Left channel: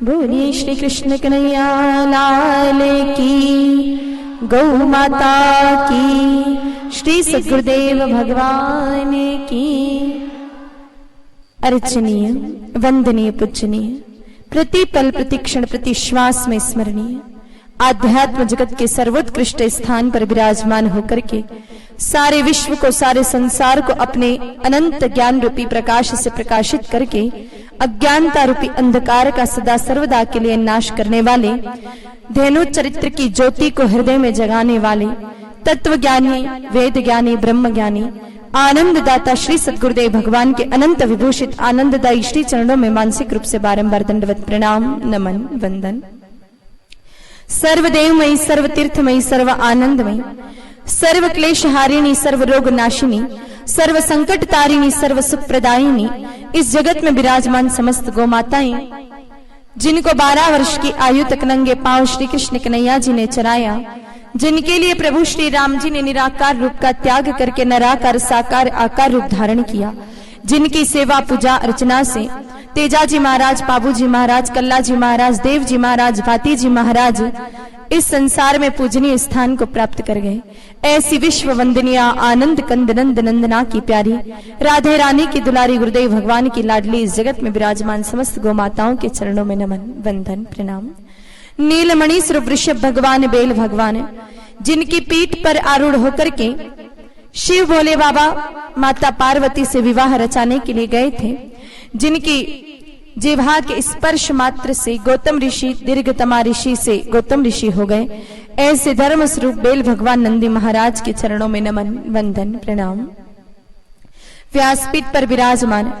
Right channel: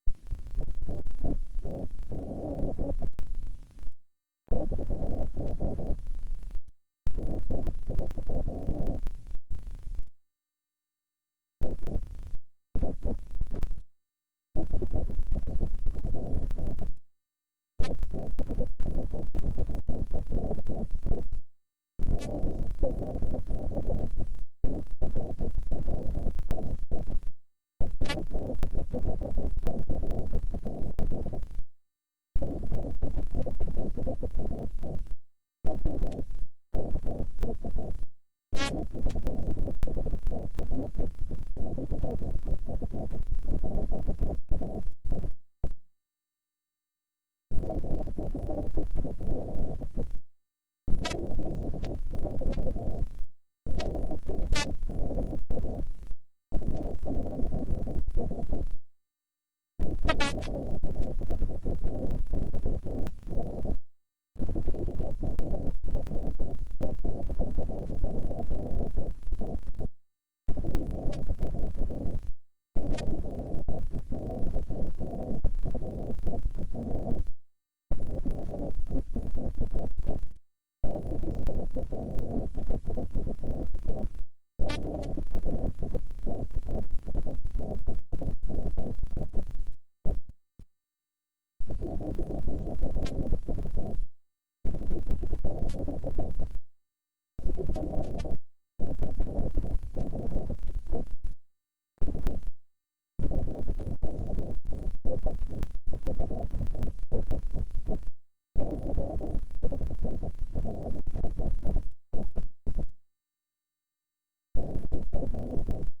बोलिए श्री कृष्ण कन्हैया लाल की, गौ माता की, श्री सद्गुरुदेव भगवान की। अर्चनीय, वंदनीय, पूजनीय, प्रति पल प्रति क्षण प्रति श्वास में स्मरणीय, आध्यात्म जगत के सर्वोत्कृष्ट स्थान पर विराजमान होकर के सारे विश्व को, सारे संसार को अपने अनंत ज्ञान रूपी प्रकाश से प्रकाशित करके अज्ञानता रूपी अंधकार का सदा सर्वदा के लिए नाश करने वाले, धेनु चरित्र की ज्योति को हृदय में जगाने वाले, तत्व ज्ञानी, वेद ज्ञानी, ब्रह्म ज्ञानी, आनंद दाता श्री सद्गुरुदेव भगवान के अनंत विभूषित आनंददायी श्री चरणों में मानसिक रूप से बारंबार दंडवत प्रणाम, नमन, वंदन। सर्वदेवमयी, सर्वतीर्थमयी, सर्व आनंदमयी, सर्व क्लेश हारिणी, सर्व रोग नाशिनी, सर्व संकट तारिणी, सर्व सुख प्रदायिनी, इस जगत में विराजमान समस्त गौ माताएं, जिनको 12 वर्ष की आयु तक नंगे पांव श्री कृष्ण कन्हैया जी ने चराया, जिनके लिए प्रभु श्री राम जी ने निराकार रूप का त्याग करके निराकार साकार आकार रूप धारण किया, जिनकी सेवा पूजा अर्चना से तेजाजी महाराज, बाबूजी महाराज, कल्लाजी महाराज, देवजी महाराज, भातीजी महाराज इस संसार में पूजनीय स्थान को प्राप्त कर गए, ऐसी विश्व वंदनीय आनंद कंद नंद नंदना की प्यारी राधे रानी की दुलारी गुरुदेव भगवान की लाडली इस जगत में विराजमान समस्त गौ माताओं के चरणों में नमन, वंदन, प्रणाम। नीलमणि स्वरूप वृषभ भगवान, बेल भगवान, जिनकी पीठ पर आरूढ़ होकर के शिव भोले बाबा माता पार्वती से विवाह रचाने के लिए गए थे, जिनकी जिह्वा के स्पर्श मात्र से गौतम ऋषि दीर्घतमा ऋषि से गौतम ऋषि हो गए, ऐसे धर्म स्वरूप बेल भगवान नंदी महाराज के चरणों में नमन, वंदन, प्रणाम। व्यासपीठ पर विराजमान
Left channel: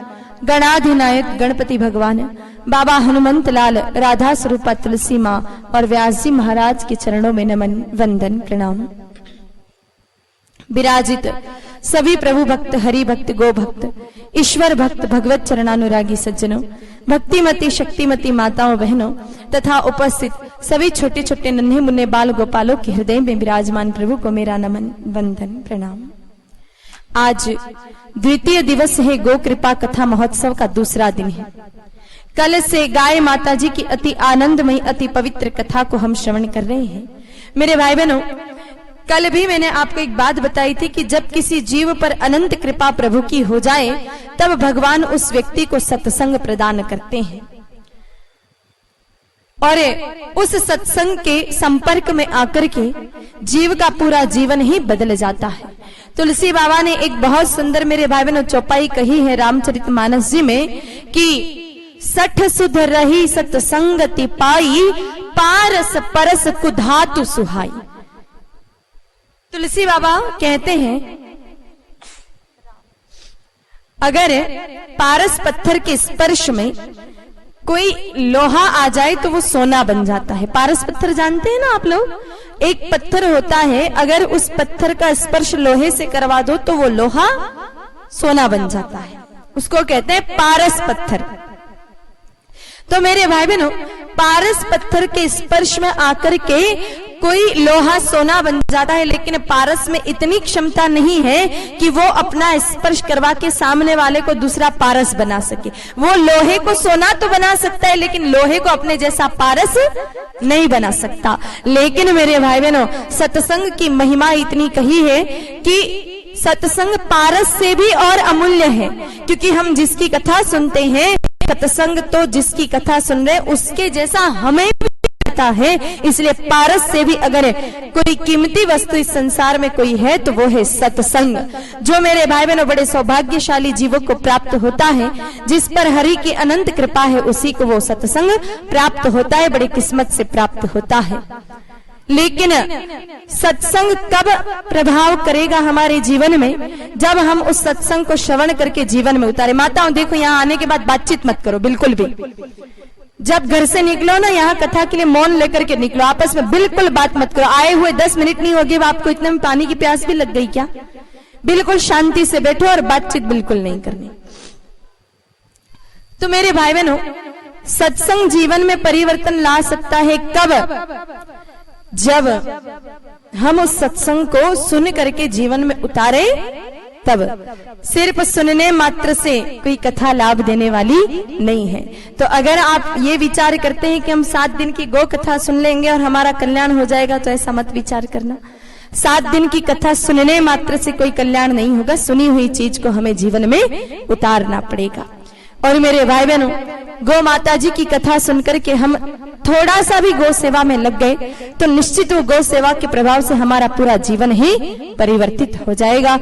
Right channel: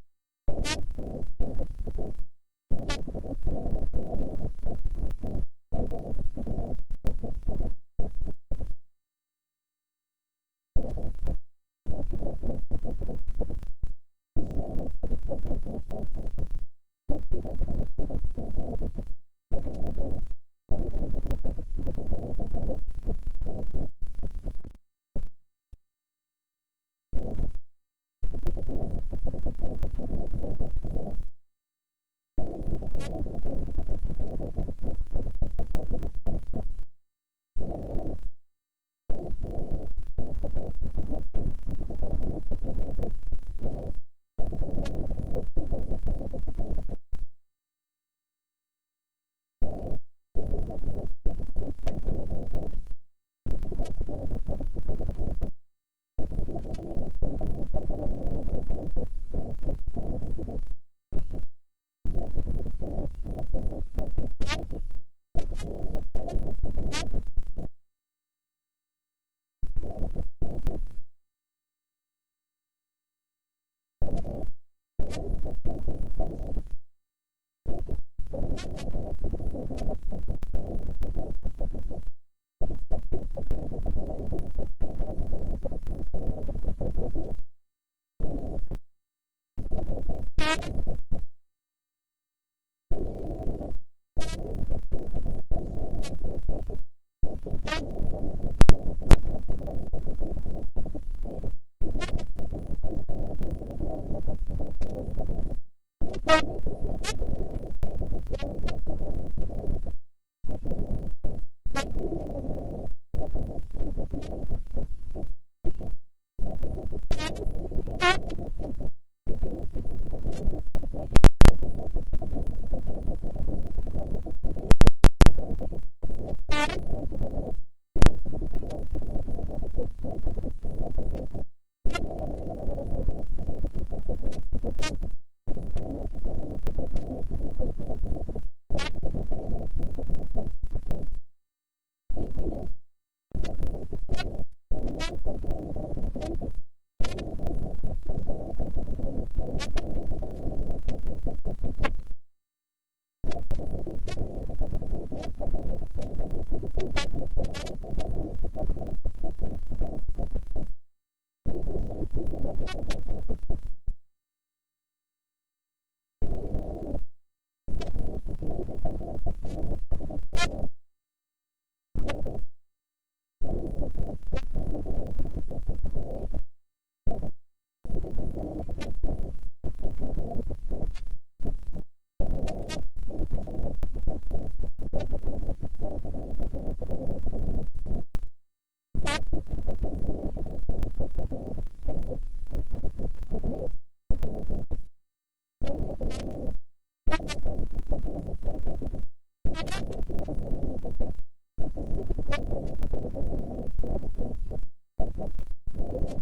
गणाधिनायक गणपति भगवान, बाबा हनुमंत लाल, राधा स्वरूपा तुलसी माँ और व्यास जी महाराज के चरणों में नमन, वंदन, प्रणाम। विराजित सभी प्रभु भक्त, हरि भक्त, गो भक्त, ईश्वर भक्त, भगवत चरणानुरागी सज्जनों, भक्तिमती शक्तिमती माताओं बहनों तथा उपस्थित सभी छोटे छोटे नन्हे मुन्ने बाल गोपालों के हृदय में विराजमान प्रभु को मेरा नमन, वंदन, प्रणाम। आज द्वितीय दिवस है गो कृपा कथा महोत्सव का दूसरा दिन है। कल से गाय माता जी की अति आनंदमयी अति पवित्र कथा को हम श्रवण कर रहे हैं। मेरे भाई बहनों, कल भी मैंने आपको एक बात बताई थी कि जब किसी जीव पर अनंत कृपा प्रभु की हो जाए तब भगवान उस व्यक्ति को सत्संग प्रदान करते हैं और उस सत्संग के संपर्क में आकर के जीव का पूरा जीवन ही बदल जाता है। तुलसी बाबा ने एक बहुत सुंदर मेरे भाई बहनों चौपाई कही है रामचरितमानस जी में कि सठ सुध रही सत्संगति पाई, पारस परस कुधातु सुहाई। तुलसी बाबा कहते हैं अगर पारस पत्थर के स्पर्श में कोई लोहा आ जाए तो वो सोना बन जाता है। पारस पत्थर जानते हैं ना आप लोग, एक पत्थर होता है, अगर उस पत्थर का स्पर्श लोहे से करवा दो तो वो लोहा सोना बन जाता है, उसको कहते हैं पारस पत्थर। तो मेरे भाई बहनों, पारस पत्थर के स्पर्श में आकर के कोई लोहा सोना बन जाता है, लेकिन पारस में इतनी क्षमता नहीं है कि वो अपना स्पर्श करवा के सामने वाले को दूसरा पारस बना सके। वो लोहे को सोना तो बना सकता है लेकिन लोहे को अपने जैसा पारस नहीं बना सकता। लेकिन मेरे भाई बहनों, सत्संग की महिमा इतनी कही है कि सत्संग पारस से भी और अमूल्य है, क्योंकि हम जिसकी कथा सुनते हैं, सत्संग तो जिसकी कथा सुन रहे उसके जैसा हमें है, इसलिए पारस से भी अगर कोई कीमती वस्तु इस संसार में कोई है तो वो है सत्संग। जो मेरे भाई बहनों बड़े सौभाग्यशाली जीवों को प्राप्त होता है, जिस पर हरि की अनंत कृपा है, उसी को वो सत्संग प्राप्त होता है, बड़ी किस्मत से प्राप्त होता है। लेकिन सत्संग कब प्रभाव करेगा हमारे जीवन में? जब हम उस सत्संग को श्रवण करके जीवन में उतारे। माताओं देखो, यहाँ आने के बाद बातचीत मत करो बिल्कुल भी। जब घर से निकलो ना, यहाँ कथा के लिए मौन लेकर के निकलो, आपस में बिल्कुल बात मत करो। आए हुए 10 मिनट नहीं होगी, आपको इतने में पानी की प्यास भी लग गई क्या? बिल्कुल शांति से बैठो और बातचीत बिल्कुल नहीं करनी। तो मेरे भाई बहनों, सत्संग जीवन में परिवर्तन ला सकता है कब? जब हम उस सत्संग को सुन करके जीवन में उतारे तब सिर्फ सुनने मात्र से कोई कथा लाभ देने वाली नहीं है। तो अगर आप ये विचार करते हैं कि हम 7 दिन की गो कथा सुन लेंगे और हमारा कल्याण हो जाएगा, तो ऐसा मत विचार करना। 7 दिन की कथा सुनने मात्र से कोई कल्याण नहीं होगा, सुनी हुई चीज को हमें जीवन में उतारना पड़ेगा। और मेरे भाई बहनों, गौ माता जी की कथा सुनकर के हम थोड़ा सा भी गौ सेवा में लग गए तो निश्चित वो गौ सेवा के प्रभाव से हमारा पूरा जीवन ही परिवर्तित हो जाएगा।